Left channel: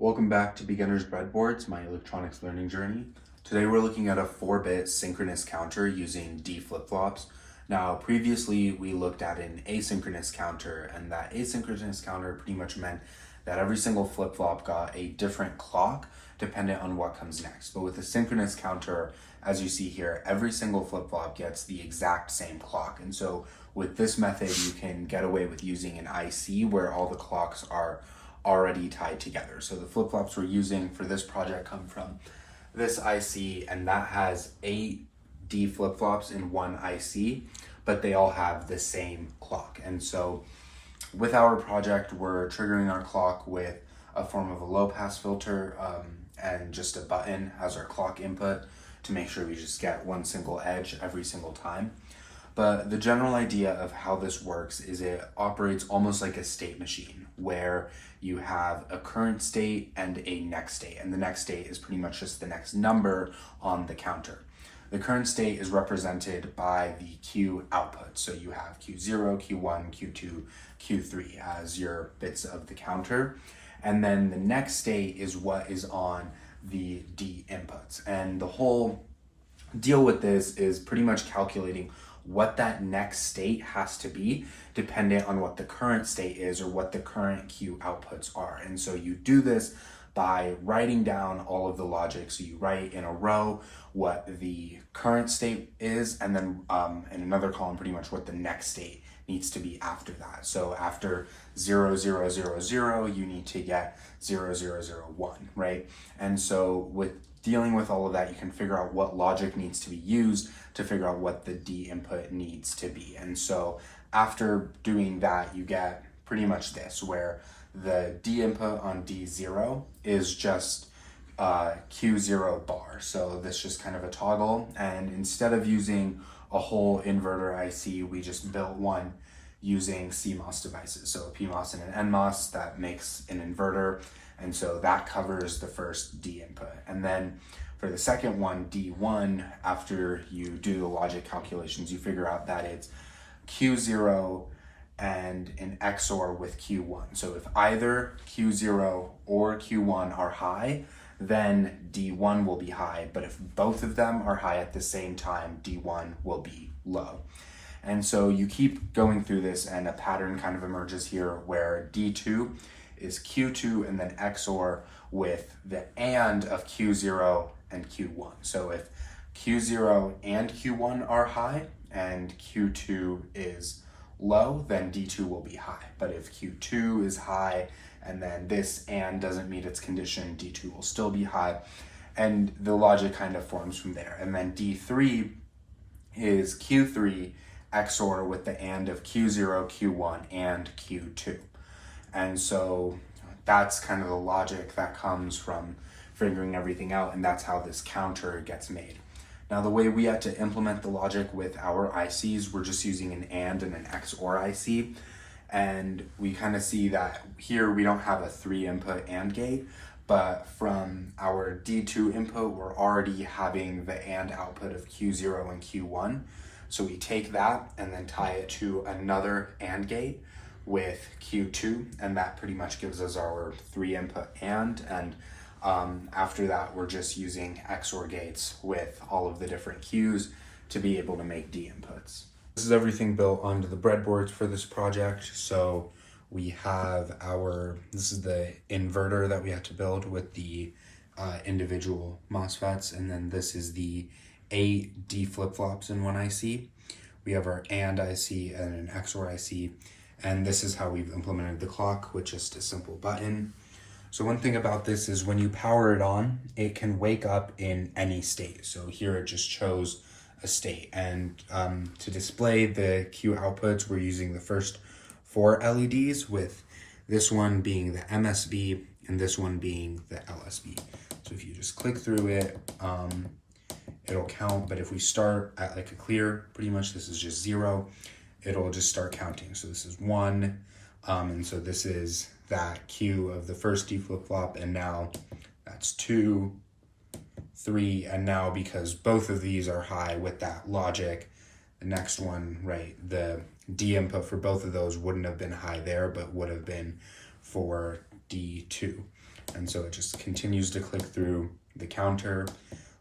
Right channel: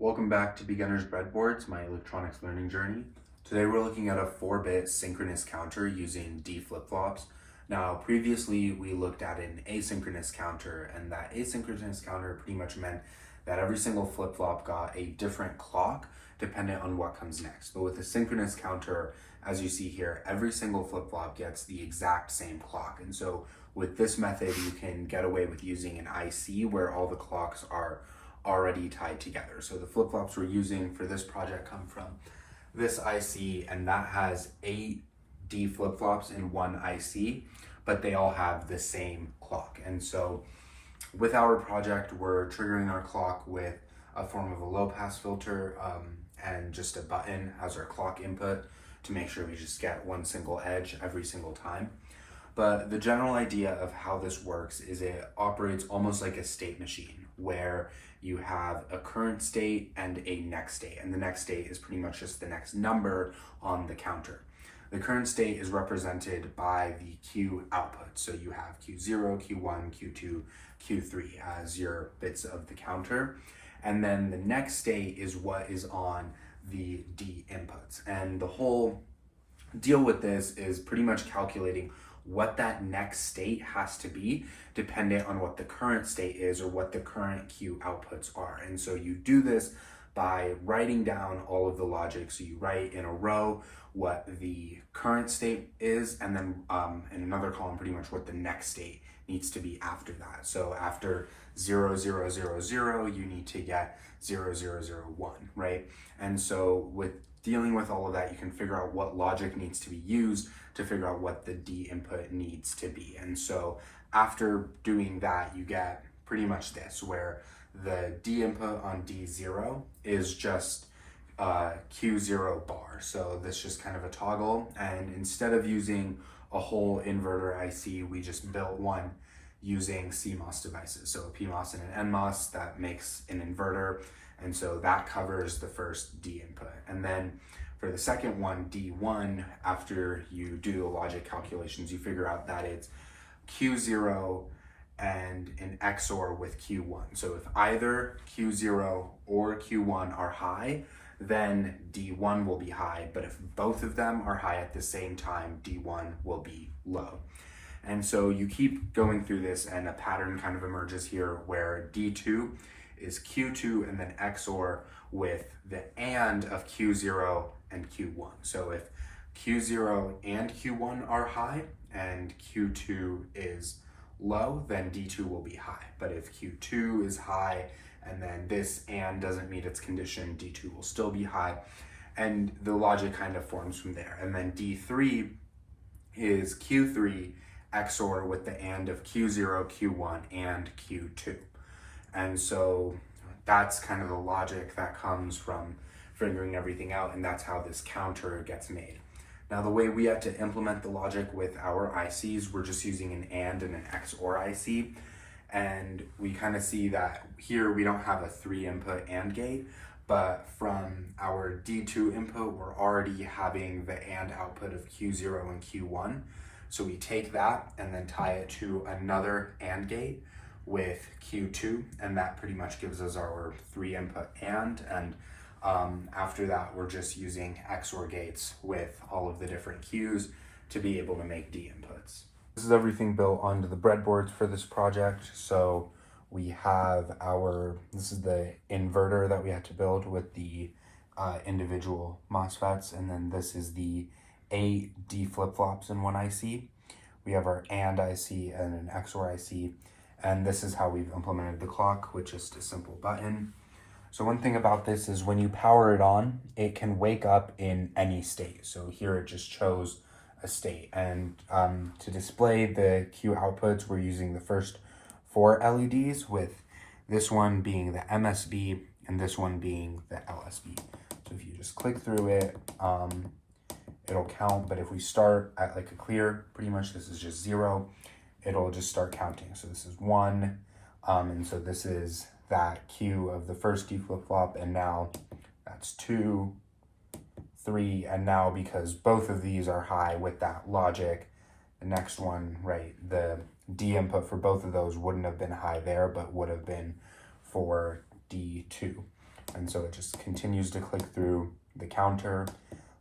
Welcome back to Beginner's Breadboards, my electronics learning journey. Today we're looking at a 4-bit synchronous counter using D flip-flops. Now previously we looked at an asynchronous counter, and that asynchronous counter pretty much meant that every single flip-flop got a different clock dependent on what comes next. But with a synchronous counter, as you see here, every single flip-flop gets the exact same clock. And so with this method you can get away with using an IC where all the clocks are already tied together. So the flip-flops we're using for this project come from this IC, and that has 8 D flip-flops in one IC, but they all have the same clock. And so with our project, we're triggering our clock with a form of a low-pass filter and just a button as our clock input to make sure we just get one single edge every single time. But the general idea of how this works is it operates almost like a state machine, where you have a current state and a next state. And the next state is pretty much just the next number on the counter. The current state is represented by the Q output. So you have Q0, Q1, Q2, Q3 as your bits of the counter. And then the next state is what is on the D inputs. And the whole deal with this is pretty much calculating what that next state has to be dependent on what the current state is or what the current Q outputs are. And so you do this by writing down all of the logic. So you write in a row what the current state is, and then in another column pretty much what the next state needs to be after that. So after 0, 0, 0, 0, you need to get 0, 0, 0, 1, right? And so with dealing with all of that, you can figure out what logic needs to be used to figure out what the D input needs to be. And so after doing that, you get pretty much this, where the D input on D0 is just Q0 bar. So this just kind of a toggle. And instead of using a whole inverter IC, we just built one using CMOS devices. So a PMOS and an NMOS that makes an inverter. And so that covers the first D input. And then for the second one, D1, after you do the logic calculations, you figure out that it's Q0 and an XOR with Q1. So if either Q0 or Q1 are high, then D1 will be high. But if both of them are high at the same time, D1 will be low. And so you keep going through this, and a pattern kind of emerges here where D2 is Q2 and then XOR with the AND of Q0 and Q1. So if Q0 and Q1 are high and Q2 is low, then D2 will be high. But if Q2 is high and then this AND doesn't meet its condition, D2 will still be high. And the logic kind of forms from there. And then D3 is Q3 XOR with the AND of Q0, Q1, and Q2. And so that's kind of the logic that comes from figuring everything out, and that's how this counter gets made. Now, the way we had to implement the logic with our ICs, we're just using an AND and an XOR IC. And we kind of see that here we don't have a 3-input AND gate, but from our D2 input, we're already having the AND output of Q0 and Q1. So we take that and then tie it to another AND gate with Q2, and that pretty much gives us our 3-input AND. And after that, we're just using XOR gates with all of the different Qs to be able to make D inputs. This is everything built onto the breadboards for this project. So we have this is the inverter that we had to build with the individual MOSFETs, and then this is the 8 D flip-flops in one IC. We have our AND IC and an XOR IC, and this is how we've implemented the clock with just a simple button. So one thing about this is when you power it on, it can wake up in any state. So here it just chose a state. And to display the Q outputs, we're using the first 4 LEDs, with this one being the MSB and this one being the LSB. So if you just click through it, it'll count. But if we start at like a clear, pretty much this is just 0, it'll just start counting. So this is 1, and so this is that Q of the first D flip-flop, and now that's 2, 3, and now because both of these are high with that logic, the next one, right, the D input for both of those wouldn't have been high there, but would have been for D2. And so it just continues to click through the counter,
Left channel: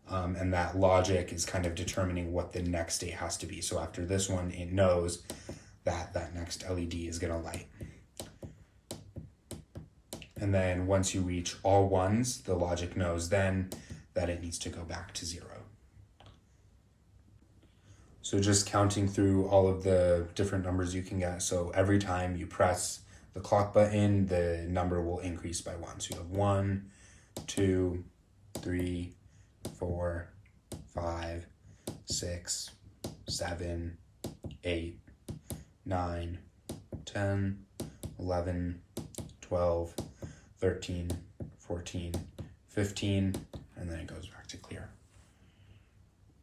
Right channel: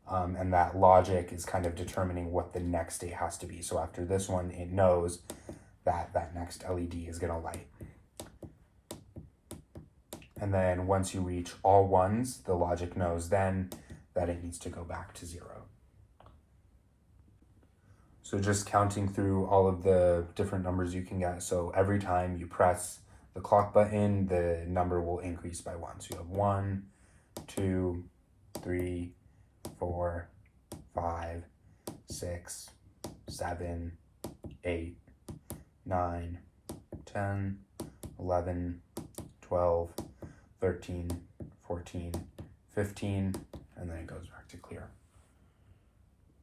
and that logic is kind of determining what the next state has to be. So after this one, it knows that that next LED is going to light. And then once you reach all ones, the logic knows then that it needs to go back to 0. So just counting through all of the different numbers you can get. So every time you press the clock button, the number will increase by 1. So you have 1, 2, 3, 4, 5, 6, 7, 8, 9, 10, 11, 12, 13, 14, 15, and then it goes back to clear.